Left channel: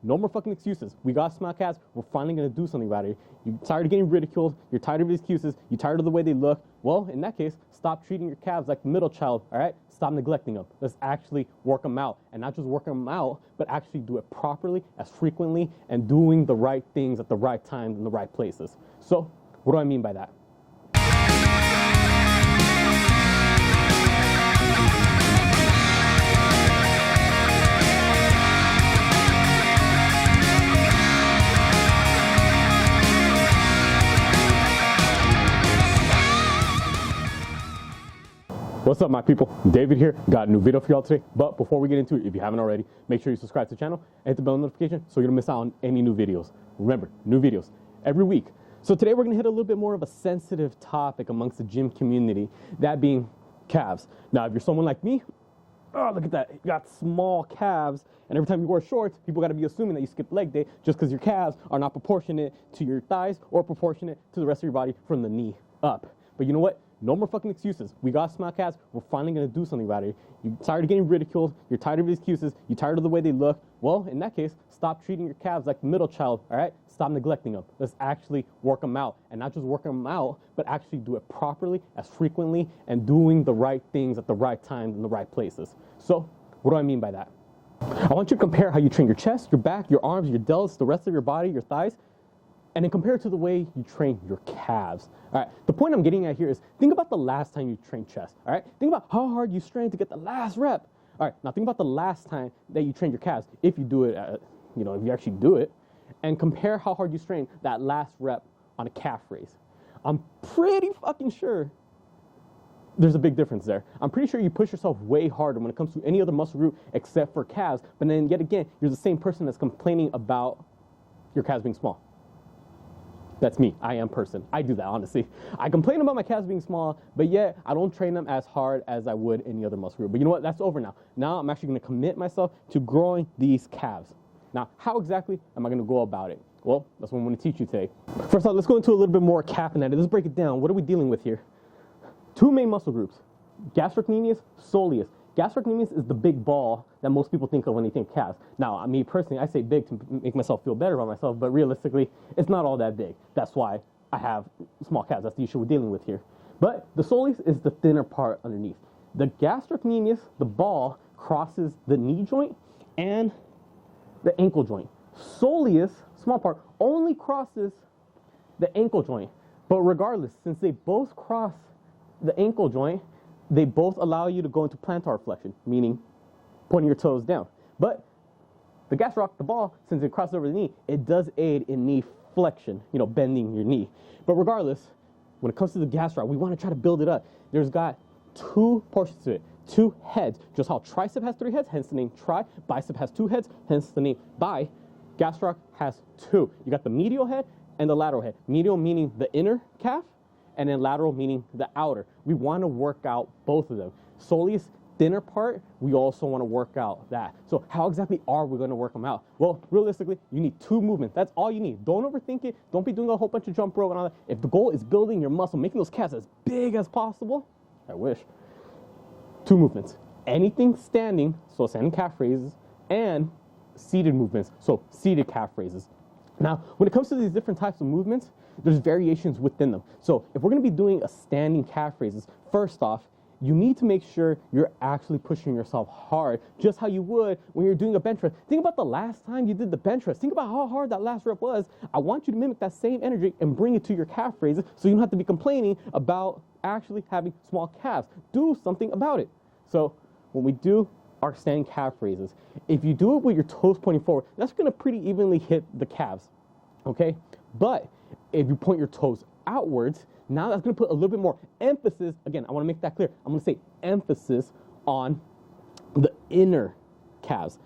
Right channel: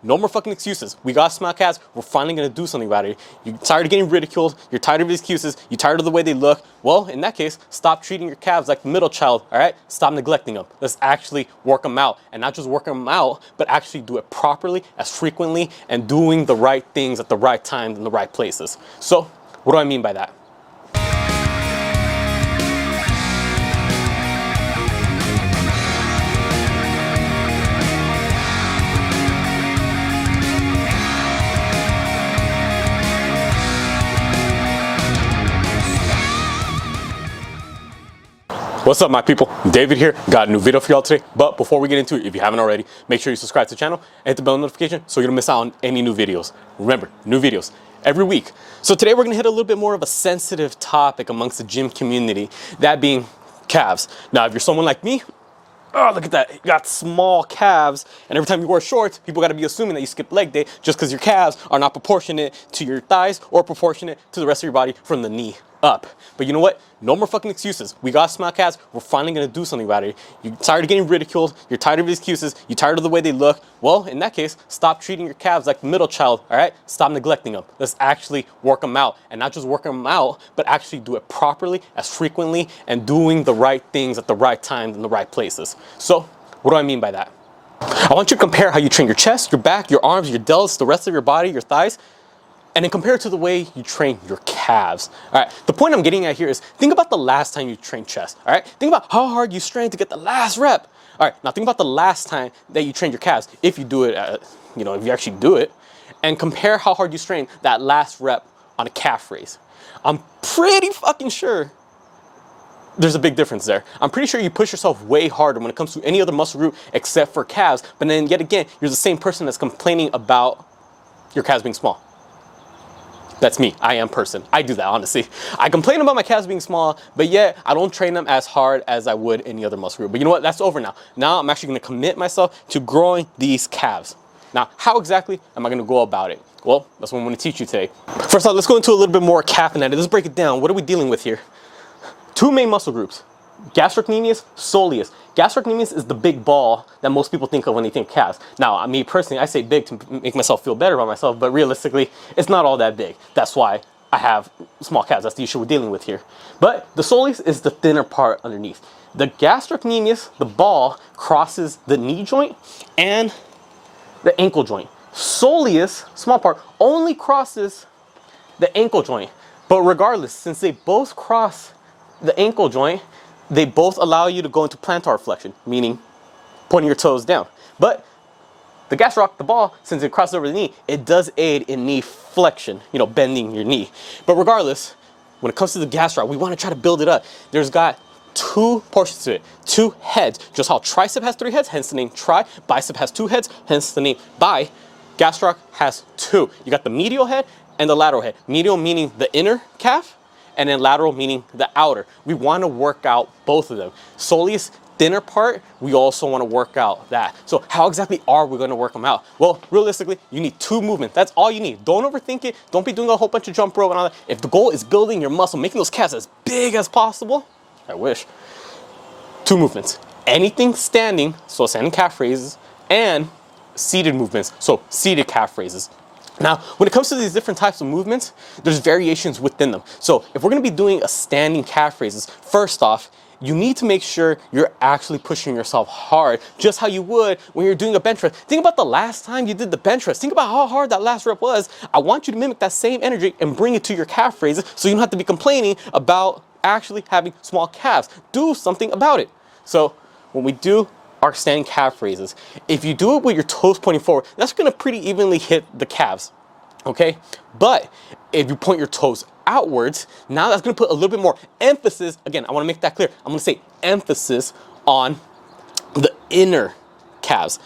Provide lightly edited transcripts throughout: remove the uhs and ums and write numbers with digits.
no more fucking excuses. We got small calves. We're finally gonna do something about it. You're tired of getting ridiculed. You're tired of excuses. You're tired of the way they look. Well, in that case, stop treating your calves like the middle child, all right? Stop neglecting them. Let's actually work them out. And not just work them out, but actually do it properly, as frequently, and doing the right things at the right times in the right places. So, what do I mean by that? What's up, my people? David here. Got a new video for y'all today. But before we get into it, if you haven't already, make sure you subscribe to the channel and hit the bell notification so you don't miss out on any new videos. Remember, new videos every week. So today we're gonna hit a little bit more of a sensitive topic amongst the gym community, that being calves. Now, if you're someone like me, oh, look at that, you got small calves, and every time you wear shorts, people gotta be assuming that you skip leg day just because your calves are not proportionate to your thighs or proportionate to the rest of your body from the knee up. But you know what? No more fucking excuses. We got small calves. We're finally gonna do something about it. You're tired of getting ridiculed. You're tired of excuses. You're tired of the way they look. Well, in that case, stop treating your calves like the middle child, all right? Stop neglecting them. Let's actually work them out. And not just work them out, but actually do it properly, as frequently, and doing the right things at the right times in the right places. So, what do I mean by that? I want you to compare how you train your chest, your back, your arms, your delts, the rest of your body, your thighs, and then compare it to the way you train your calves. All right, the point I'm getting at here is think about the last time you trained chest, all right? Think about how hard you strained to get the last rep. All right, now think about the last time that you trained your calves, if you do it, if you actually do it, and compare how hard you strained that last rep on a calf raise. I'm pretty fucking sure there's a big difference there. I'm pretty sure you push yourself way harder when it comes to any other muscle group except for calves, but then yet again, you're the same person that's complaining about your calves being small. That's me. I am person. I do that, honestly. I complain about my calves being small, but yet I don't train them as hard as I would any other muscle group. But you know what? That's over now. Now I'm actually going to commit myself to growing these calves. Now, how exactly am I going to go about it? Well, that's what I'm going to teach you today. First off, let's go into a little bit more calf anatomy. Let's break it down. What are we dealing with here? Two main muscle groups: gastrocnemius, soleus. Gastrocnemius is the big ball that most people think of when they think calves. Now, me personally, I say big to make myself feel better about myself, but realistically, it's not all that big. That's why I have small calves. That's the issue we're dealing with here. But the soleus is the thinner part underneath. The gastrocnemius, the ball, crosses the knee joint and the ankle joint. Soleus, small part, only crosses the ankle joint. But regardless, since they both cross the ankle joint, they both allow you to go into plantar flexion, meaning pointing your toes down. But the gastroc, the ball, since it crosses over the knee, it does aid in knee flexion, bending your knee. But regardless, when it comes to the gastroc, we want to try to build it up. There's got two portions to it, two heads. Just how tricep has three heads, hence the name tri. Bicep has two heads, hence the name bi. Gastroc has two. You got the medial head and the lateral head. Medial meaning the inner calf, and then lateral meaning the outer. We want to work out both of them. Soleus, thinner part, we also want to work out that. So how exactly are we going to work them out? Well, realistically, you need two movements. That's all you need. Don't overthink it. Don't be doing a whole bunch of jump rope and all that. If the goal is building your muscle, making those calves as big as possible, I wish. Two movements. Anything standing, so standing calf raises, and seated movements, so seated calf raises. Now, when it comes to these different types of movements, there's variations within them. So if we're gonna be doing a standing calf raises, first off, you need to make sure you're actually pushing yourself hard, just how you would when you're doing a bench press. Think about the last time you did the bench press. Think about how hard that last rep was. I want you to mimic that same energy and bring it to your calf raises so you don't have to be complaining about actually having small calves. Do something about it. So when we do our standing calf raises, if you do it with your toes pointing forward, that's gonna pretty evenly hit the calves, okay? But if you point your toes outwards, now that's gonna put a little bit more emphasis. Again, I wanna make that clear. I'm gonna say emphasis on the inner calves.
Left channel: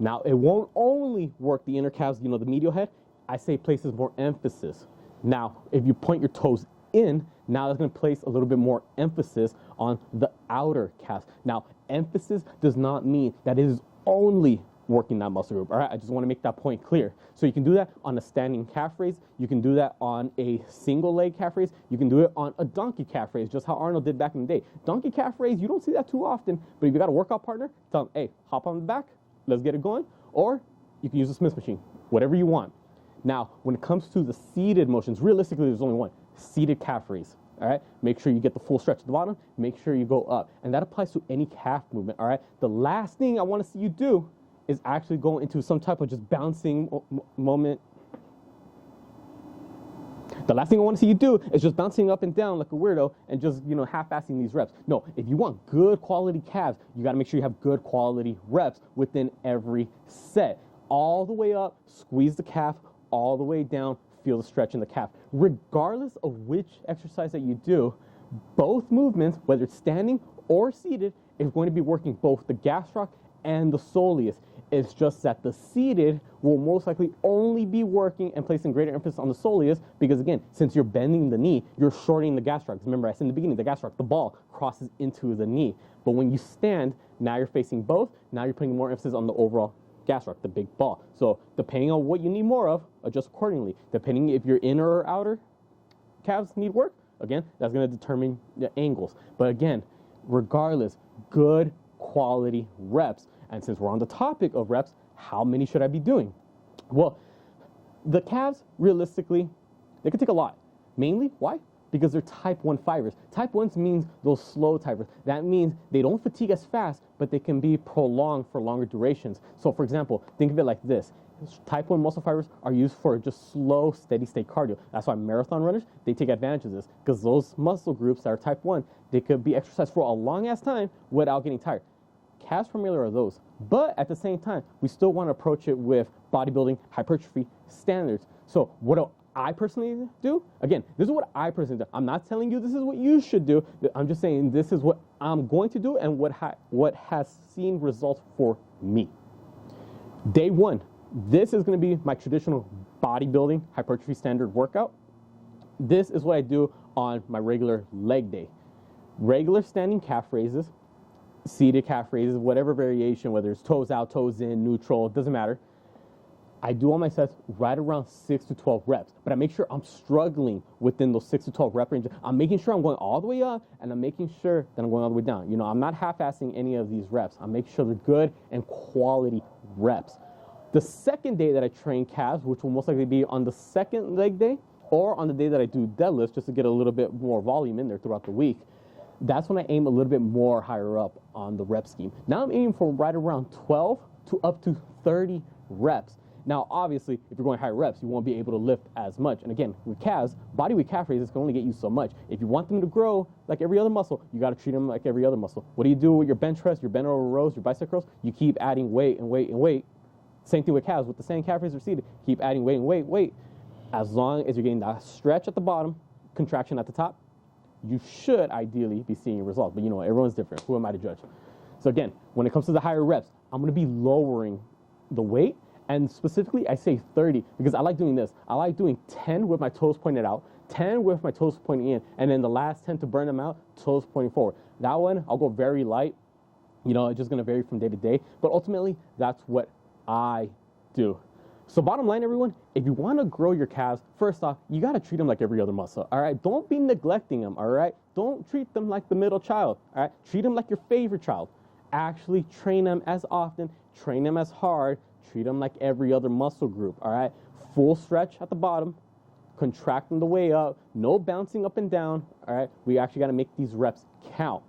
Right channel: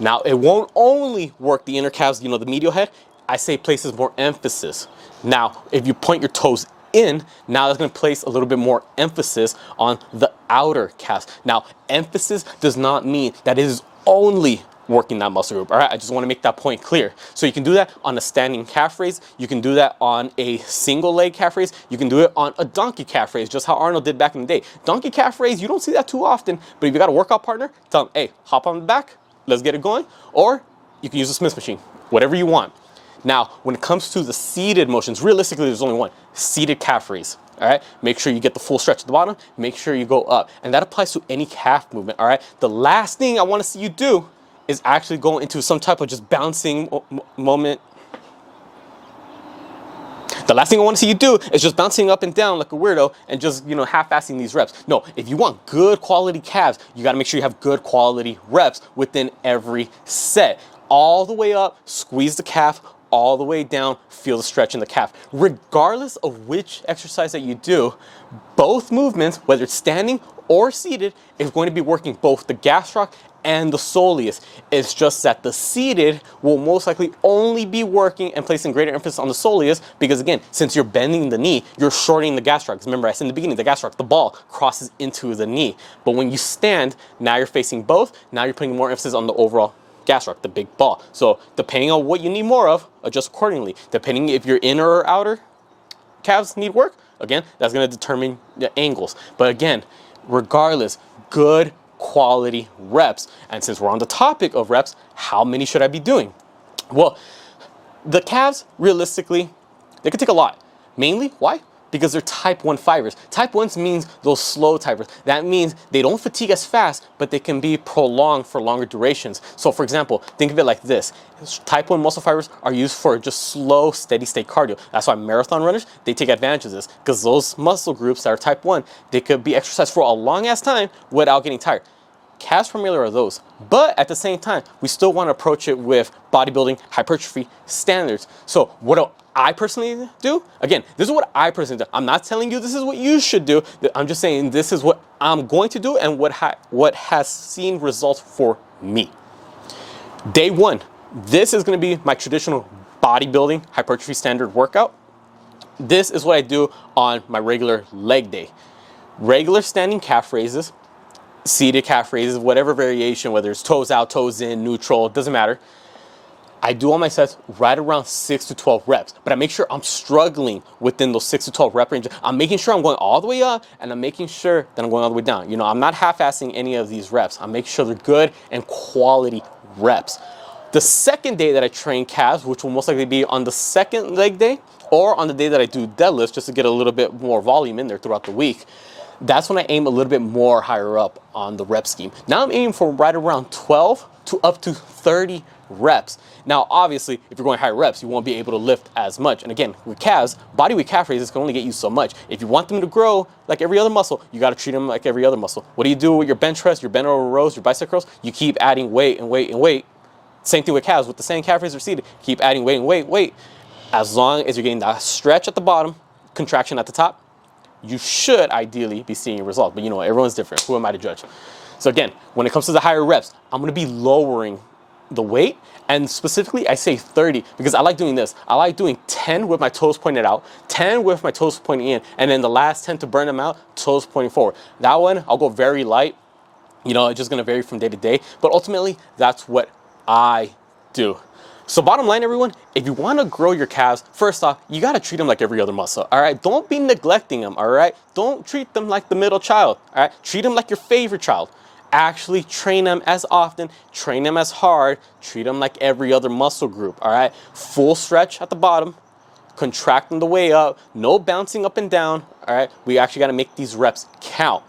Now, it won't only work the inner calves, the medial head. I say places more emphasis. Now, if you point your toes in, now that's going to place a little bit more emphasis on the outer calves. Now, emphasis does not mean that it is only working that muscle group. All right, I just want to make that point clear. So you can do that on a standing calf raise. You can do that on a single leg calf raise. You can do it on a donkey calf raise, just how Arnold did back in the day. Donkey calf raise, you don't see that too often, but if you got a workout partner, tell them, hey, hop on the back, let's get it going. Or you can use a Smith machine, whatever you want. Now, when it comes to the seated motions, realistically, there's only one, seated calf raise. All right, make sure you get the full stretch at the bottom, make sure you go up. And that applies to any calf movement, all right? The last thing I wanna see you do is actually go into some type of just bouncing moment. The last thing I want to see you do is just bouncing up and down like a weirdo and just, half-assing these reps. No, if you want good quality calves, you got to make sure you have good quality reps within every set. All the way up, squeeze the calf, all the way down, feel the stretch in the calf. Regardless of which exercise that you do, both movements, whether it's standing or seated, is going to be working both the gastroc and the soleus. It's just that the seated will most likely only be working and placing greater emphasis on the soleus because, again, since you're bending the knee, you're shortening the gastroc. Remember, I said in the beginning, the gastroc, the ball crosses into the knee. But when you stand, now you're facing both. Now you're putting more emphasis on the overall gastroc, the big ball. So depending on what you need more of, adjust accordingly. Depending if your inner or outer calves need work, again, that's going to determine the angles. But again, regardless, good quality reps. And since we're on the topic of reps, how many should I be doing? Well, the calves, realistically, they could take a lot. Mainly, why? Because they're type 1 fibers. Type 1s means those slow typers. That means they don't fatigue as fast, but they can be prolonged for longer durations. So for example, think of it like this. Type 1 muscle fibers are used for just slow, steady state cardio. That's why marathon runners, they take advantage of this because those muscle groups that are type 1, they could be exercised for a long ass time without getting tired. Calves primarily are those, but at the same time, we still want to approach it with bodybuilding hypertrophy standards. So what do I personally do? Again, this is what I personally do. I'm not telling you this is what you should do. I'm just saying this is what I'm going to do and what has seen results for me. Day one, this is going to be my traditional bodybuilding hypertrophy standard workout. This is what I do on my regular leg day. Regular standing calf raises, seated calf raises, whatever variation, whether it's toes out, toes in, neutral, it doesn't matter. I do all my sets right around 6 to 12 reps, but I make sure I'm struggling within those 6 to 12 rep range. I'm making sure I'm going all the way up and I'm making sure that I'm going all the way down. I'm not half-assing any of these reps. I'm making sure they're good and quality reps. The second day that I train calves, which will most likely be on the second leg day or on the day that I do deadlifts, just to get a little bit more volume in there throughout the week, that's when I aim a little bit more higher up on the rep scheme. Now I'm aiming for right around 12 to up to 30 reps. Now, obviously, if you're going higher reps, you won't be able to lift as much. And again, with calves, body weight calf raises can only get you so much. If you want them to grow like every other muscle, you got to treat them like every other muscle. What do you do with your bench press, your bent over rows, your bicep curls? You keep adding weight and weight and weight. Same thing with calves. With the same calf raises seated, keep adding weight and weight. As long as you're getting that stretch at the bottom, contraction at the top, you should ideally be seeing a result. But everyone's different. Who am I to judge? So again, when it comes to the higher reps, I'm going to be lowering the weight. And specifically, I say 30 because I like doing this. I like doing 10 with my toes pointed out, 10 with my toes pointing in, and then the last 10 to burn them out, toes pointing forward. That one, I'll go very light. It's just going to vary from day to day. But ultimately, that's what I do. So bottom line, everyone, if you want to grow your calves, first off, you got to treat them like every other muscle, all right? Don't be neglecting them, all right? Don't treat them like the middle child, all right? Treat them like your favorite child. Actually train them as often, train them as hard, treat them like every other muscle group, all right? Full stretch at the bottom, contract them the way up, no bouncing up and down, all right? We actually got to make these reps count.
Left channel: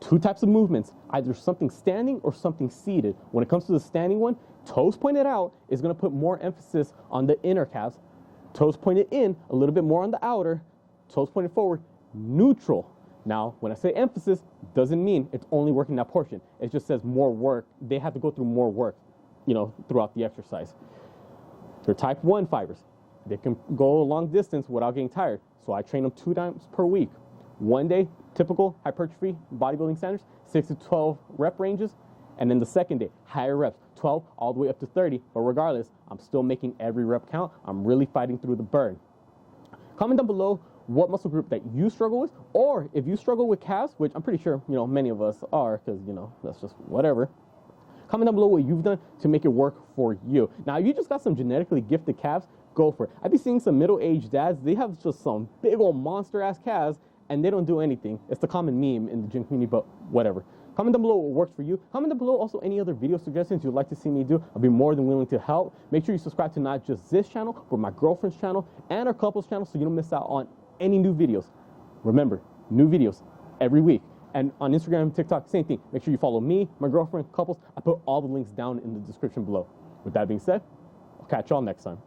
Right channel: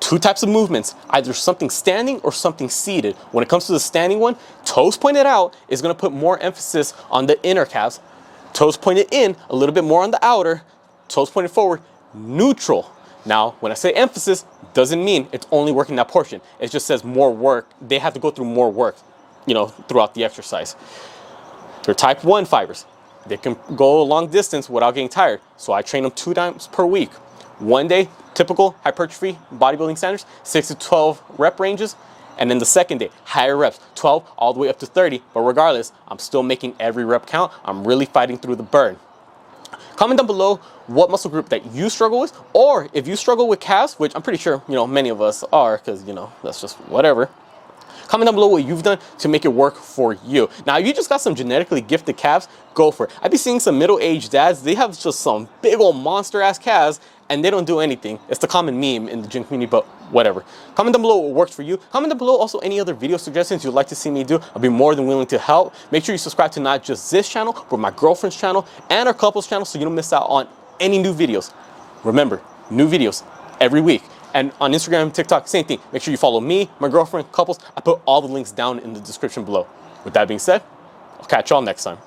Two types of movements, either something standing or something seated. When it comes to the standing one, toes pointed out is going to put more emphasis on the inner calves. Toes pointed in, a little bit more on the outer. Toes pointed forward, neutral. Now, when I say emphasis, doesn't mean it's only working that portion. It just says more work. They have to go through more work, throughout the exercise. They're type 1 fibers. They can go a long distance without getting tired. So I train them 2 times per week. One day, typical hypertrophy bodybuilding standards, 6 to 12 rep ranges. And then the second day, higher reps, 12 all the way up to 30. But regardless, I'm still making every rep count. I'm really fighting through the burn. Comment down below what muscle group that you struggle with, or if you struggle with calves, which I'm pretty sure, many of us are, because, that's just whatever. Comment down below what you've done to make it work for you. Now, if you just got some genetically gifted calves, go for it. I've been seeing some middle-aged dads, they have just some big old monster-ass calves, and they don't do anything. It's the common meme in the gym community, but whatever. Comment down below what works for you. Comment down below also any other video suggestions you'd like to see me do. I'll be more than willing to help. Make sure you subscribe to not just this channel, but my girlfriend's channel and our couple's channel so you don't miss out on any new videos. Remember, new videos every week. And on Instagram, TikTok, same thing. Make sure you follow me, my girlfriend, couples. I put all the links down in the description below. With that being said, I'll catch y'all next time.